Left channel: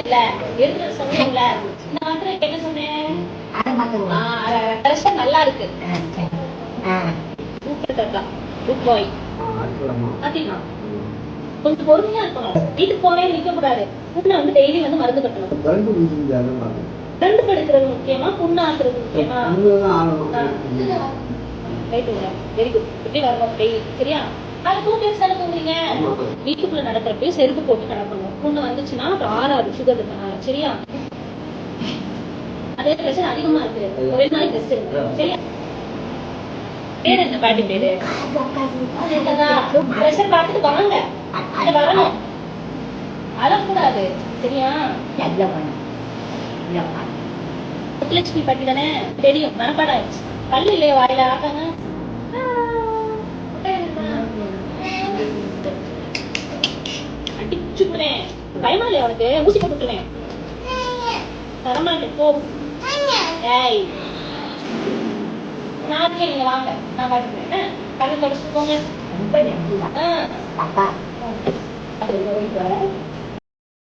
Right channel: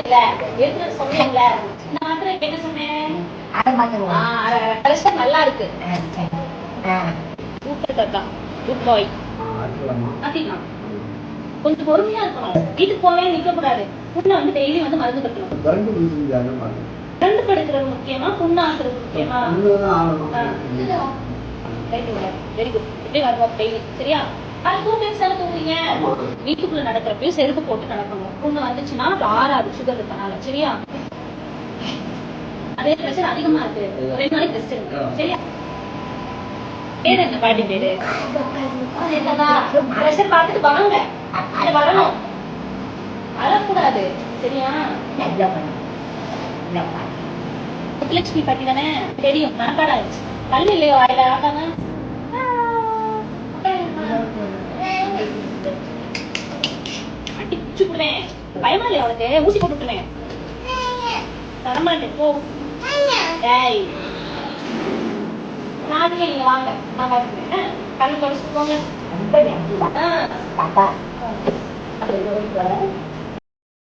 சொன்னேன்ல, எடுத்துட்டு சொன்னேன்ல. நான் மாத்திரை என்ன சொன்னேன்? நல்லா இருக்கு. குட் பாய். கொஞ்சம் பொறுமையா இருக்கணும். வீட்டுக்கு போவே நிக்க கூடாது. புண்ணை வந்து டெய்லி வந்து மருந்து கட்டணும். ரெண்டு படுக்கிறது முக்கியமா, புண்ணு ஆக்குறது முக்கியமா? Very good. எப்படி வரணும் டெய்லி, சரியா? அது 2 days தானே தூங்குறீங்க. வீட்டுக்குள்ள நடக்கிறப்ப செருப்பு போட்டு நடக்கணும். புண்ணு வந்துச்சுன்னா ஆறாது சுகர் இருக்கனால, சரியா? அதே பிரச்சனை அதிகமா இருக்கு. 2 நாளைக்கு டெஸ்ட் இருக்கு, சரியா? பேரு என்ன பாட்டி பேரு? பிரஷர் பார்த்துட்டு வாங்க. வரணும், அழக்கூடாது, சரியா? முத்துலட்சுமி பாட்டி தானே, தெரியும், மனப்பாடம் ஆயிடுச்சு. பல்லு இல்லையோ வாயில? ஆகாங்க. அடிச்சுடுவேன். பயமா இல்லையா உனக்கு? ஊசி போட்டுருவேன். தரமாட்டேன், போ. ஏய், நாளைக்கு நீங்க வாங்க, நான் பாத்துக்கிறேன். கண்ணு தொடச்சு போங்க.